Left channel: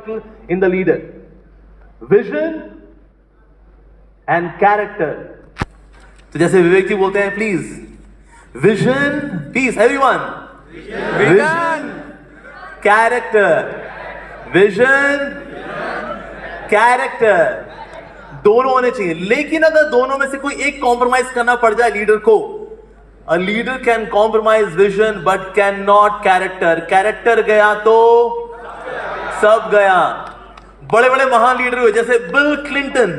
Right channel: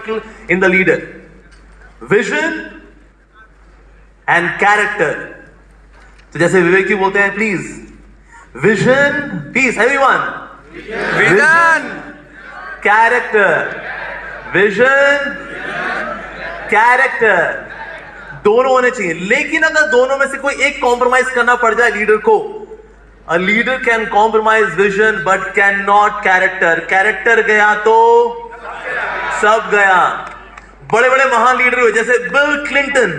particle in the leader. Vision and character. तो जैसे विवेक जी बोलते हैं, please vision, please everyone, vision, character, vision, character, दोनों होने चाहिए. लेकिन अगर दोनों में से कोई एक कॉम्प्रोमाइज करना पड़ जाए लीडर को, a leader can compromise vision but cannot character. Character गया तो सब गया. बड़े बड़े महान लीडर हुए जैसे bill Clinton,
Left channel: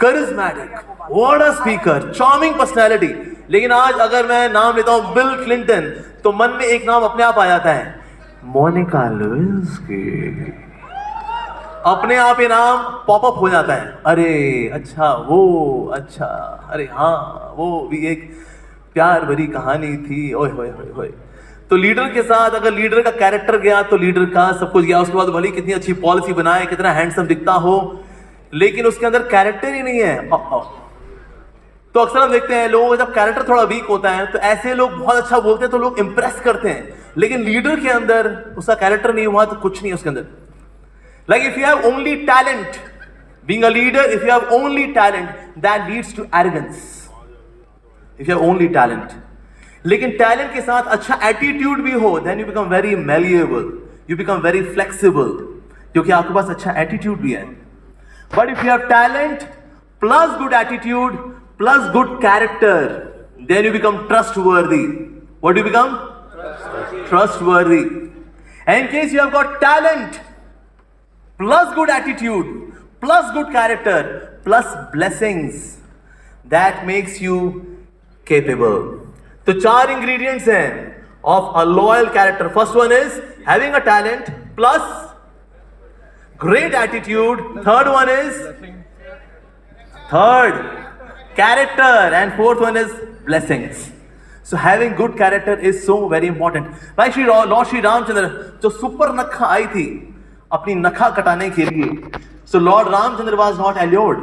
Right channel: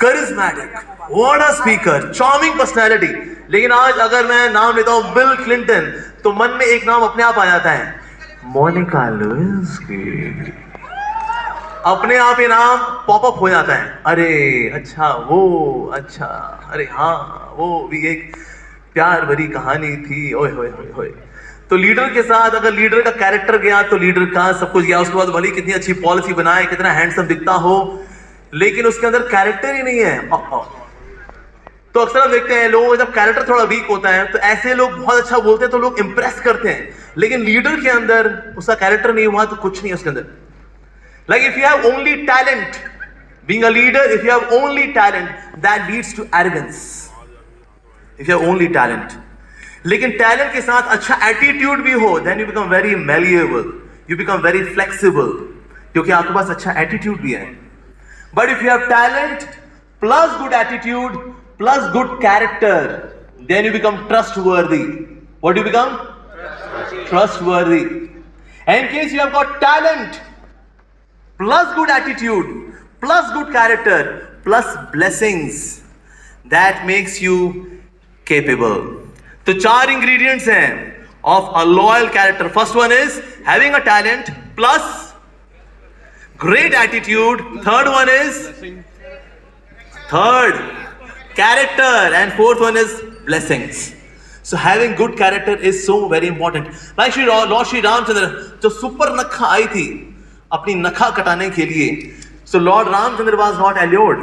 charismatic, what a speaker, charming personality. लेकिन आज अगर मैं नाम लेता हूं बिल क्लिंटन तो मन में एक नाम अपने आप आ जाता है, मोनिका लेविन्स्की. अपने आप ये नाम पॉपअप हो जाता है. अरे अच्छा वो, अच्छा अरे हाँ वो भी एक प्यार भरी कहानी थी. ओए होए होए होए. तो लीडर के साथ अगर लीडर का कैरेक्टर गया तो लीडर का सब कुछ गया. उसके बाद भले कितनी अच्छी पॉलिसी बनाए, कितना हैंडसम दिखता हो, लेकिन उसके अंदर कैरेक्टर ही नहीं है. तो अक्सर हम देखते हैं लोगों का जब कैरेक्टर थोड़ा वीक होता है तो ऐसे लोग बहुत अच्छा बोलते हैं तो लोग इंप्रेस करते हैं, लेकिन लीडर के अंदर उसका कैरेक्टर नहीं हुआ तो कुछ नहीं है उसके अंदर. Like if you have only talent, being a leader, if you have only talent, that leads to arrogance. If you have only talent. लेकिन talent के साथ अच्छा attitude भी हो, then you become very malleable. You become very flexible. क्योंकि आपके पास अच्छा attitude भी है. But if you have talent plus good attitude plus good character, then you become trustworthy. What do you become? Trustworthy. And in case you have got talent plus good attitude, plus good character, plus blessings, that makes you capable. तो 4 ingredients हैं of a loyal character. First one is having a talent plus great attitude. Third one is character, and fourth one is blessings. So having good character is so very important. Like Lord Shri Ramchandra, जो super नखा आई थी अपनी नखा कटाने के लिए, so Lord Ramchandra was not allured,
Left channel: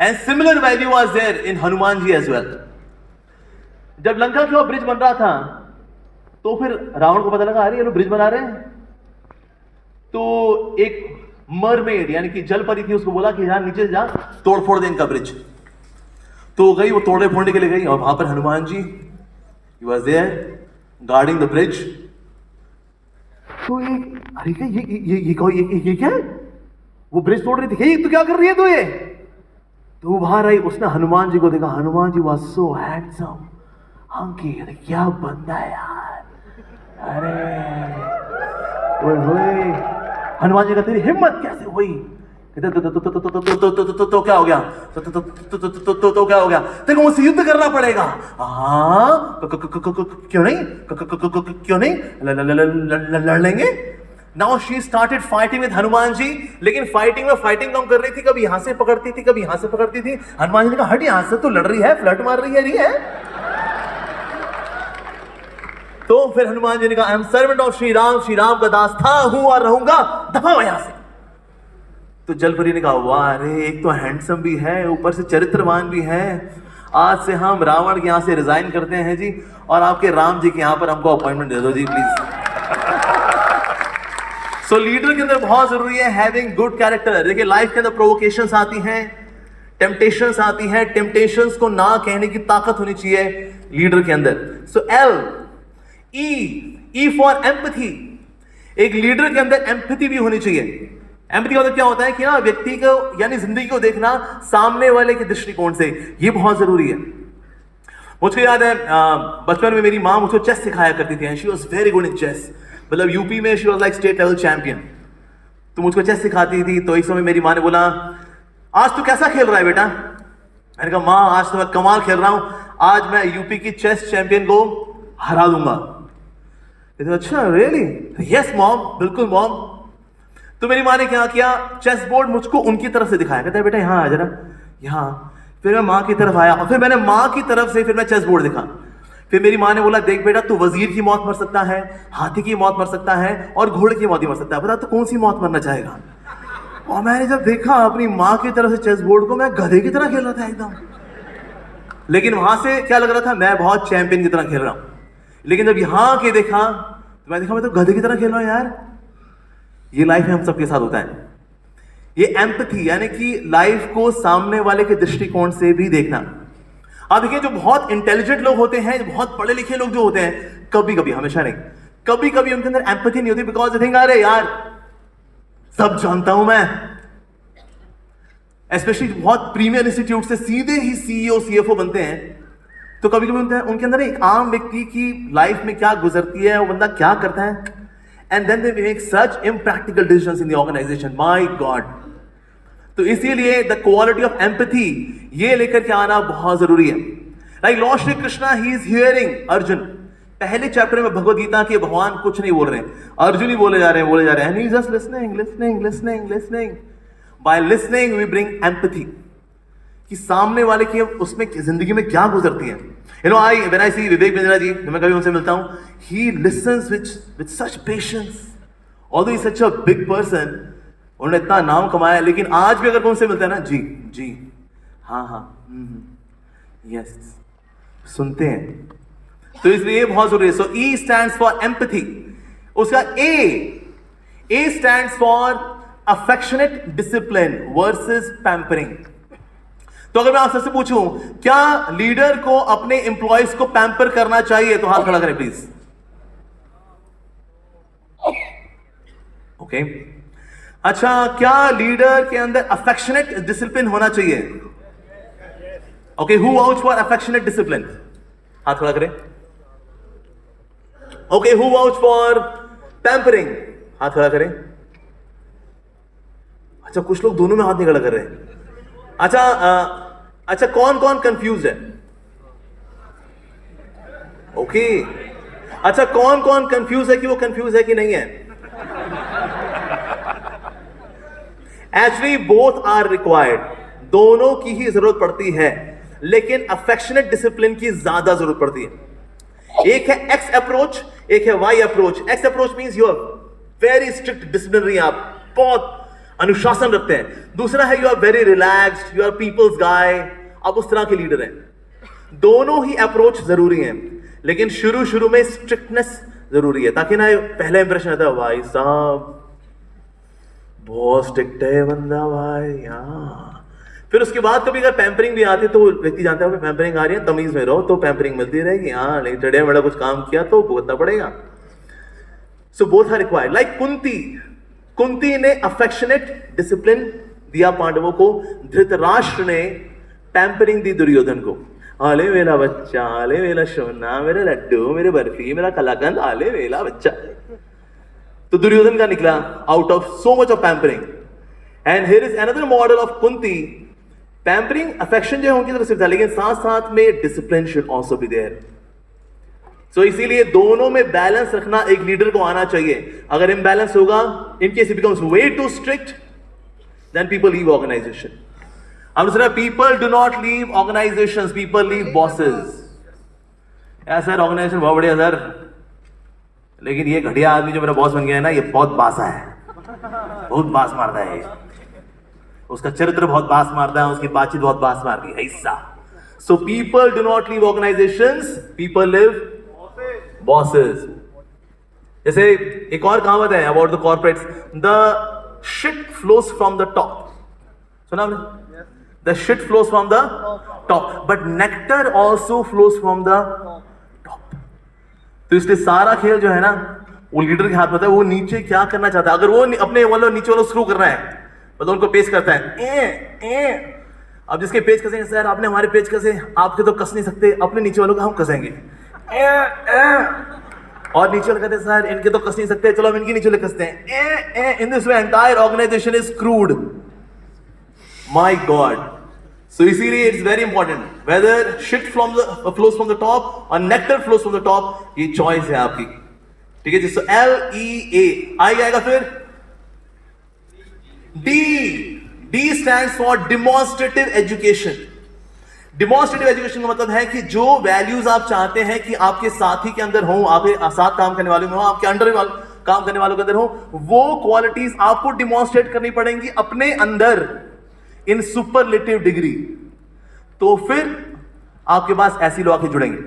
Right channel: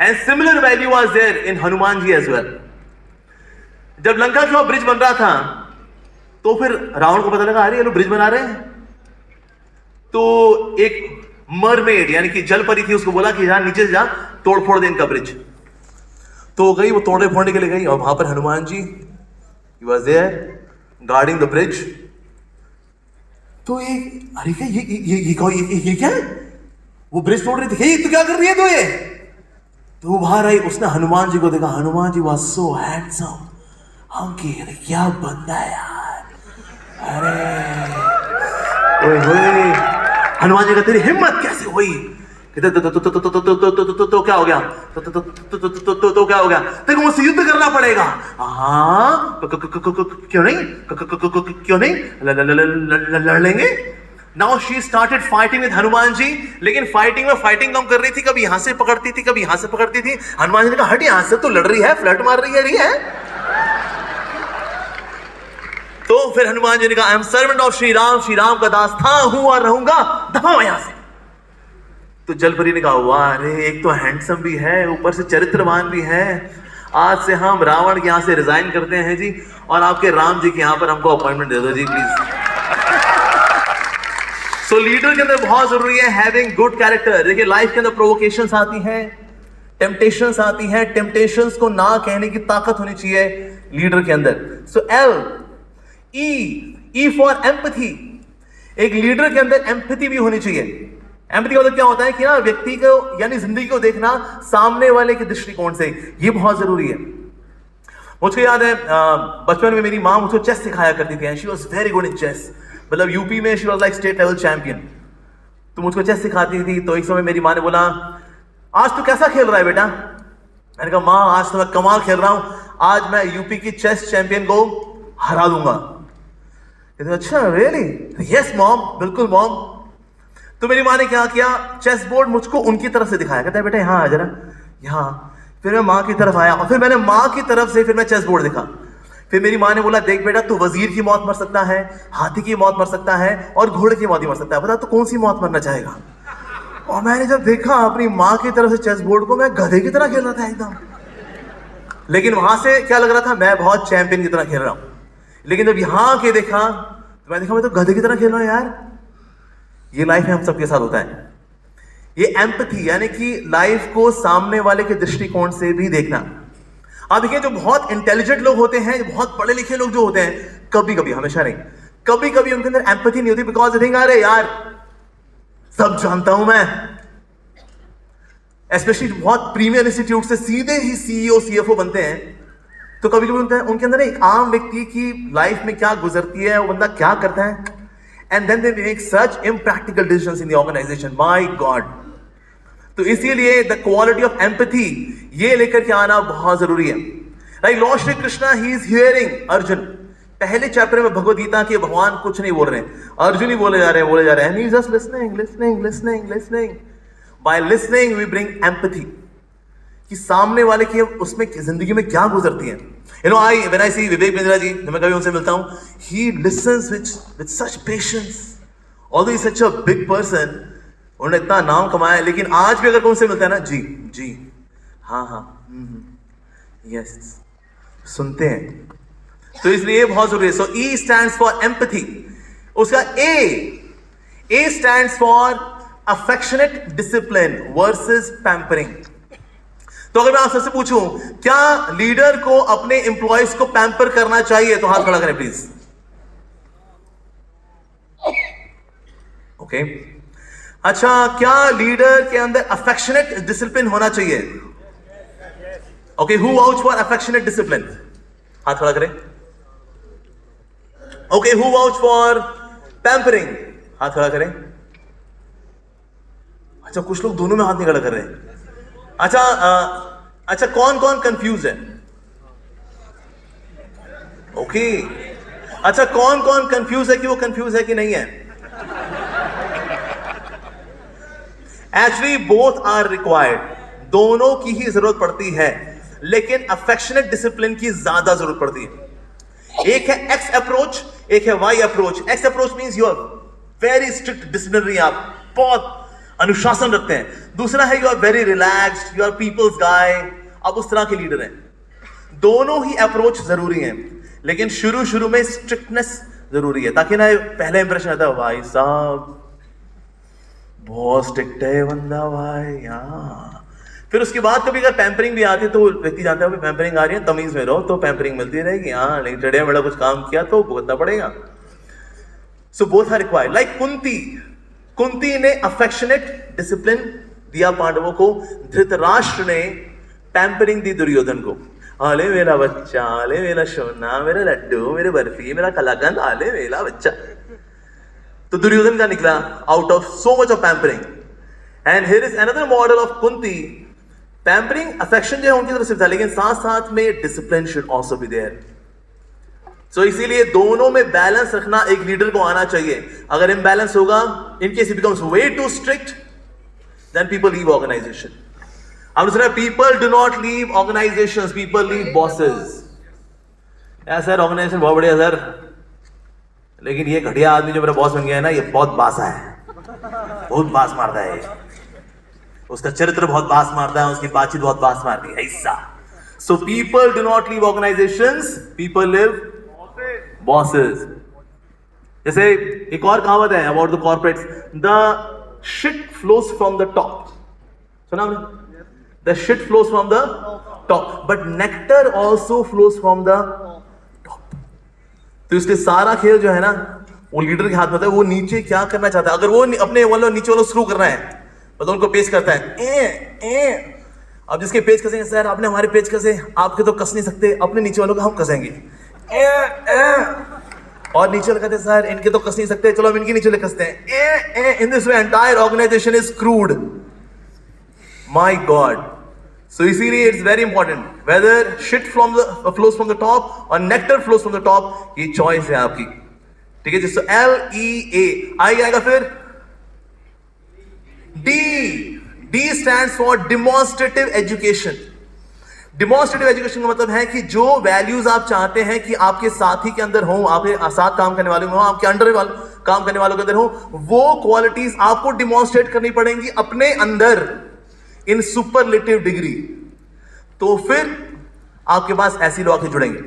and similar value was there in Hanuman ji as well. जब लंका का bridge बन रहा था तो फिर रावण को पता लगा अरे ये लोग ब्रिज बना रहे हैं, तो एक मरमेड यानी कि जल परी थी, उसको बोला कि यार नीचे से जा तोड़ फोड़ दे इनका ब्रिज. तो गई, वो तोड़ने फोड़ने के लिए गई और वहां पर Hanuman ji he was there guarding the bridge. तो अरे क्या ये क्या है, वो ब्रिज तोड़ रही थी, ये तो क्या कर रही है तो ये. तो बाहर आई, उसने हनुमान जी को देखा. Hanuman ji was so handsome. हम की अरे क्या बंदा है यार, अरे ओए होए. हनुमान जी का तेरी हिम्मत कैसे हुई? तो क्या हो गया? तो क्या हो गया? देखो मुझसे युद्ध करना पड़ेगा. हाँ क्यों नहीं, क्यों नहीं, लड़ लेंगे. Now she started fighting with Hanuman ji. लेकिन फाइटिंग में फाइटिंग कम कर रही थी, कभी यहां से पकड़ती थी, कभी यहां से पकड़ती थी. हनुमान जी ने कहा हट यहां से, तो लड़ रही है, फ्लर्ट मार रही है. तो फिर हनुमान जी ने कहा I am servant of Shri Ram, Shri Ram का दास था, हूं और रहूंगा, दबाओ यहां से. तो जलपरी ने कहा वाह, अरे एक तो हैंडसम भी है, ऊपर से चरित्रवान भी है. आज से हम रावण के यहां से रिजाइन करते हैं जी, और आपके राम जी के यहां पर हमको अपॉइंटमेंट दे दो जी प्लीज. सो लीडर के अंदर बहुत जरूरी है हैविंग गुड कैरेक्टर. देखिए लाइफ के अंदर प्रोवोकेशंस आती हैं, टेम्पटेशंस आती हैं. टेम्पटेशंस को ना कहने की ताकत होनी चाहिए लीडर के अंदर. सो ई फॉर एम्पैथी. एक लीडर के अंदर एम्पैथी भी होनी चाहिए. एम्पैथी का मतलब क्या होता है कि ना व्यक्ति को यानी जिंदगी को देखना सामने वाले के दृष्टिकोण से, ये बहुत जरूरी है. मुझको याद है बचपन में मेरी माँ मुझको चेस सिखाया करती थी. She was very good in chess. मतलब यूपी में she was like state level champion. तो मुझको चेस सिखाती थी. तो एक समय मेरी माँ ने बोला आज तू कैसा खेल रहा है बेटा? मैंने कहा माँ आज तो मैं कमाल खेल रहा हूं, आज मैं यूपी की चेस चैंपियन को हरा दूंगा. अच्छा रियली? यस मॉम, बिल्कुल मॉम. तो मेरी माँ ने क्या किया, चेस बोर्ड मुझको उनकी तरफ से दिखाया. कहता है बेटा यहाँ आ जरा, यहाँ. फिर मैं माँ की तरफ आया और फिर मैंने माँ की तरफ से फिर मैं चेस बोर्ड देखा. फिर मेरी माँ ने बोला देख बेटा तू वजीर की मौत मर सकता है, हाथी की मौत मर सकता है और घोड़े की मौत ही मर सकता है, बता तो कौन सी मौत मरना चाहेगा? और मैंने जब देखा अपनी माँ की तरफ से चेस बोर्ड को, मैं गधे की तरह खेल रहा था एकदम. लेकिन वहां से क्या लग रहा था, मैं बहुत चैंपियन की तरह खेल रहा हूं. लेकिन जब यहाँ के देखा तो मैं देखा मैं तो गधे की तरह खेल रहा हूं यार. ये लाइफ में हम सबके साथ होता है। ये एम्पैथी यानी कि लाइफ को सामने वाले के दृष्टिकोण से भी देखना। आप देखिए जो बहुत इंटेलिजेंट लोग होते हैं, जो बहुत पढ़े लिखे लोग जो होते हैं, कभी कभी, हमेशा नहीं, कभी कभी उनके अंदर एम्पैथी नहीं होती, बिकॉज दे थिंक अरे यार सब जानता हूं मैं। स्पेशली बहुत प्रीमियर इंस्टीट्यूट से सीधे ही सीईओ सीएफओ बनते हैं, तो कभी कभी उनके अंदर एक आम व्यक्ति की लाइफ में क्या गुजरती है, वो बंदा क्या करता है, and then they make such impractical decisions in the organisation. My god. तो इसीलिए द क्वालिटी ऑफ एम्पैथी ये लेकर के आना बहुत जरूरी है। Like Lord Shri Krishna, he is hearing Arjun. पहले चैप्टर में भगवद गीता के भगवान कुछ नहीं बोल रहे हैं, अर्जुन ही बोले जा रहे हैं, he is just listening. By listening we bring empathy, कि सामने वाले की उसमें जिंदगी में क्या गुजरती है। यू नो, व्हेन आई सी विवेक बिंद्रा जी, मैं कभी उनसे मिलता हूं, ही lessons with such patience, although he is such a big person, उन्होंने इतना नाम कमाया, लेकिन आज भी अगर कोई उनसे मिलता है ना, जी हाँ यस, सुनते हैं। तो इसलिए बहुत जरूरी है। सो ई स्टैंड्स फॉर एम्पैथी। उसका ए stands for affectionate discipline versus pampering. तो अगर मैं आपसे से पूछूं, क्या लीडर को अपने एम्प्लॉयज को पैम्पर करना चाहिए, तो हाथ खड़ा करें प्लीज। ओके, अच्छा, क्या लीडर के अंदर अफेक्शनेट डिसिप्लिन होना चाहिए? Okay, who vouch for affectionate discipline? हाथ खड़ा करें। Okay, who vouch for pampering? हाथ खड़ा करें। अच्छा, कुछ लोग दोनों में हाथ नहीं खड़ा कर रहे हैं। अच्छा, कौन कौन कंफ्यूज है? ओके, अच्छा, कौन कौन कंफ्यूज है कि वो कंफ्यूज है कि नहीं है? एक्चुअली बोथ आर रिक्वायर्ड, दोनों की ही जरूरत पड़ती है, लेकिन अफेक्शनेट डिसिप्लिन की ज्यादा जरूरत पड़ती है। एक है एक्स अप्रोच, एक है Y approach. X approach means you are very strict disciplinary, आप बहुत अनुशासन रखते हैं। दूसरा है you are very relaxed, you are people's guy, आप उस तरह के लीडर हैं। दोनों ही अप्रोच जरूरी हैं, लेकिन शुरू में स्ट्रिक्टनेस जरूरी है, ताकि ना पहला इंप्रेशन आता है भाई साहब बहुत स्ट्रिक्ट है बंदा भाई, हाँ। फिर उसके बाद कभी अगर पैम्परिंग भी आती है तो व्यक्ति जानता है पैम्परिंग आ रही है, तमीज में रहो तो पैम्परिंग मिलती रहेगी, हाँ, नहीं चढ़िया बड़ा कुछ काम किया तो भुगतना पड़ेगा। So both are required. Like Kunti ने अफेक्शनेट डिसिप्लिन दिया पांडवों को, धृतराष्ट्र ने पैम्परिंग दी दुर्योधन को। आले मेरा बच्चा, आले मेरा सोना, मेरा लड्डू, मेरे बर्फी, मेरा कलाकंद, आले मेरा बच्चा। तो दुर्योधन का निकला out of so much of pampering. And here is another model of Kunti. Pampering affection जो है उनकी तरफ से था, लेकिन साथ साथ में discipline should also be there. So इसीलिए दोनों में बैलेंस रखना एक लीडर को आना चाहिए। अगर इम्बैलेंस होगा, in case it becomes way too strict, then people leave organisation. हम सुना people do not leave organisations, people leave bosses. यार सर ऑर्गेनाइजेशन बहुत बढ़िया सर, लेकिन ये घटिया आदमी जो मेरा बॉस बन गया है ना, ये बहुत बासा है, बहुत बास मारता है, उसका चरित्र बहुत बास मारता है, उसकी बातचीत बहुत बास मारती है ऐसा। So people do not leave organisations, people live bosses. जैसे एक और कहावत है about the corporates, the shit flows from the top. सुना आपने? The shit flows from the top, but nectar also flows from the top. तो इसलिए सारा खेल जो है ना, वो लीडर के हाथ में होता है, वो नीचे क्या करना चाहता है। अगर वो अपने वालों नीचे वालों शुरू कर रहा है, मतलब उनको पेच करता है, अब जिसके पेच कसेंगे, सर आपने हमारे पेच कसे, आपके तो कस नहीं सकते, अपने नीचे वालों को हम कसेंगे। और नीचे वाले कहते हैं सर इनके तो कस नहीं सकते, चलो हम इनके नीचे वाले कसते हैं। In this way entire organization is crude. My god. So इसीलिए it's very important, whether shit flows from the top और nectar flows from the top, ये चॉइस है आपकी। ठीक है जी। सो LEA आई आएगा। फिर D stands for demonstrative education. Demonstrative education का मतलब है कि जो वैल्यूज आप चाहते हैं कि आपके साथी के अंदर हो, आपके साथ काम करने वाले में हो, आपके अंडर काम करने वालों के अंदर हो, वो क्वालिटीज आपको डिमॉन्स्ट्रेट करनी पड़ेंगी अपने अंदर इन सुपरलेटिव डिग्री। तो फिर आपके पास ऐसे लोग आके जुड़ेंगे।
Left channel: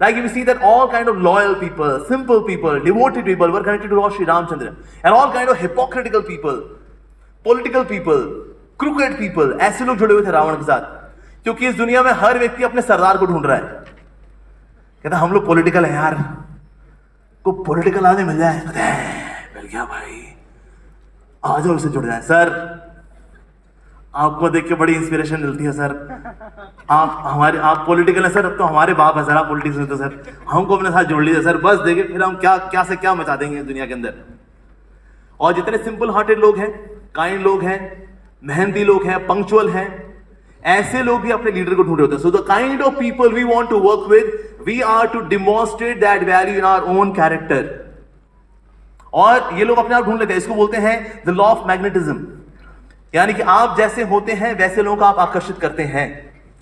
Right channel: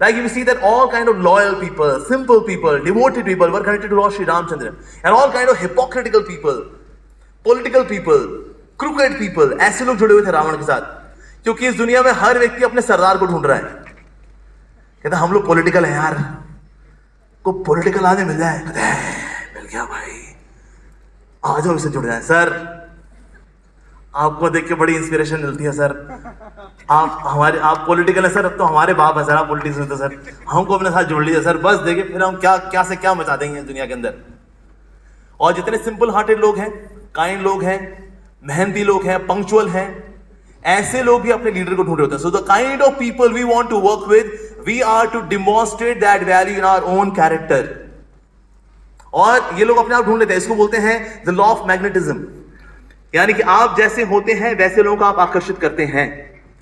Like you see that all kind of loyal people, simple people, devoted people were connected to Lord Sri Ramchandra, and all kind of hypocritical people, political people, crooked people, ऐसे लोग जुड़े हुए थे रावण के साथ, क्योंकि इस दुनिया में हर व्यक्ति अपने सरदार को ढूंढ रहा है। कहता हम लोग पॉलिटिकल हैं यार, को पॉलिटिकल आगे मिल जाए, कहते हैं मिल गया भाई, आ जाओ इससे जुड़ जाए। सर आपको देख के बड़ी इंस्पिरेशन मिलती है सर, आप पॉलिटिकल है सर, अब तो हमारे बाप है सर, आप पॉलिटिक्स में तो सर हमको अपने साथ जोड़ लीजिए सर, बस देखिए फिर हम क्या से क्या मचा देंगे इस दुनिया के अंदर। और जितने सिंपल हार्टेड लोग हैं, काइंड लोग हैं, मेहनती लोग हैं, पंक्चुअल हैं, ऐसे लोग भी अपने लीडर को ढूंढ रहे होते हैं। So the kind of people we want to work with, we are to demonstrate that value in our own character. और ये लोग अपने आप ढूंढ लेते हैं, इसको बोलते हैं द लॉ ऑफ मैग्नेटिज्म, यानी कि आप जैसे होते हैं वैसे लोगों को आप आकर्षित करते हैं।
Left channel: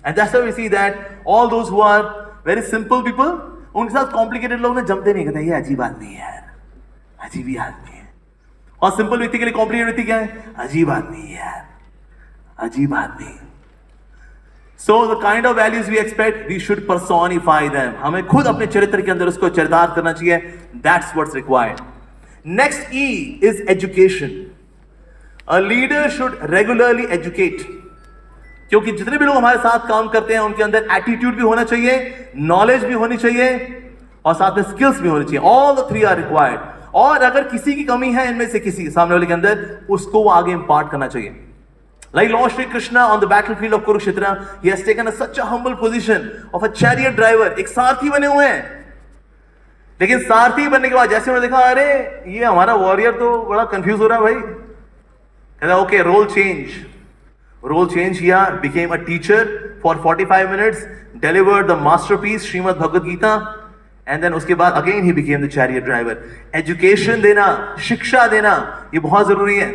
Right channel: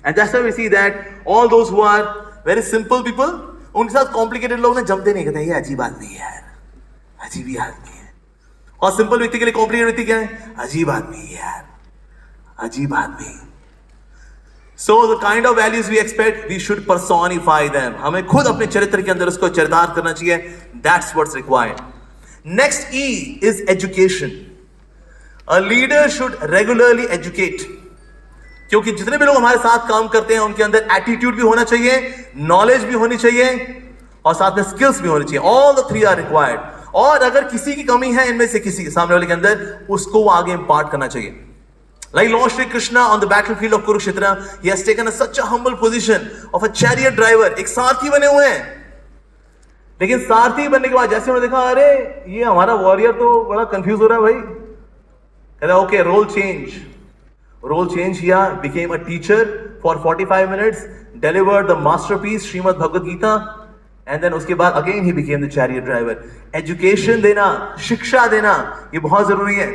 And that's why we see that all those who are very simple people, उनके साथ कॉम्प्लिकेटेड लोग ना जमते नहीं, कहते ये अजीब आदमी है यार, अजीब ही आदमी है। और सिंपल व्यक्ति के लिए कॉम्प्लिकेटेड व्यक्ति क्या है? अजीब आदमी है यार, अजीब आदमी। So the kind of values we expect, we should personify them, हमें खुद अपने चरित्र के अंदर उसको चरितार्थ करना चाहिए। That's what's required. Next E is education. A leader should regularly educate, क्योंकि जितने भी लोग हमारे साथ काम करते हैं उनके अंदर एटीट्यूड भी होना चाहिए, नॉलेज भी होनी चाहिए, और साथ में स्किल्स भी होनी चाहिए। All the three are required. और अगर किसी की कमी है इनमें से किसी सामने वाले के अंदर, उसको वो आगे इंपार्ट करना चाहिए। Like Lord Shri Krishna on the battlefield of Kurukshetra, he has taken such a humble position of a chariot driver, एक सारथी बने हुए हैं। लेकिन सारथी बनने के बाद जैसे उन्होंने देखा, अरे ये हमारा वॉरियर तो बड़ा कंफ्यूज हो रहा है भाई, okay, role change किया, became a teacher for 45 minutes, delivered the masterpiece Srimad Bhagavad Gita, and then उसके बाद again he became the chariot driver। Education देना, शिक्षा देना, ये बहुत जरूरी है।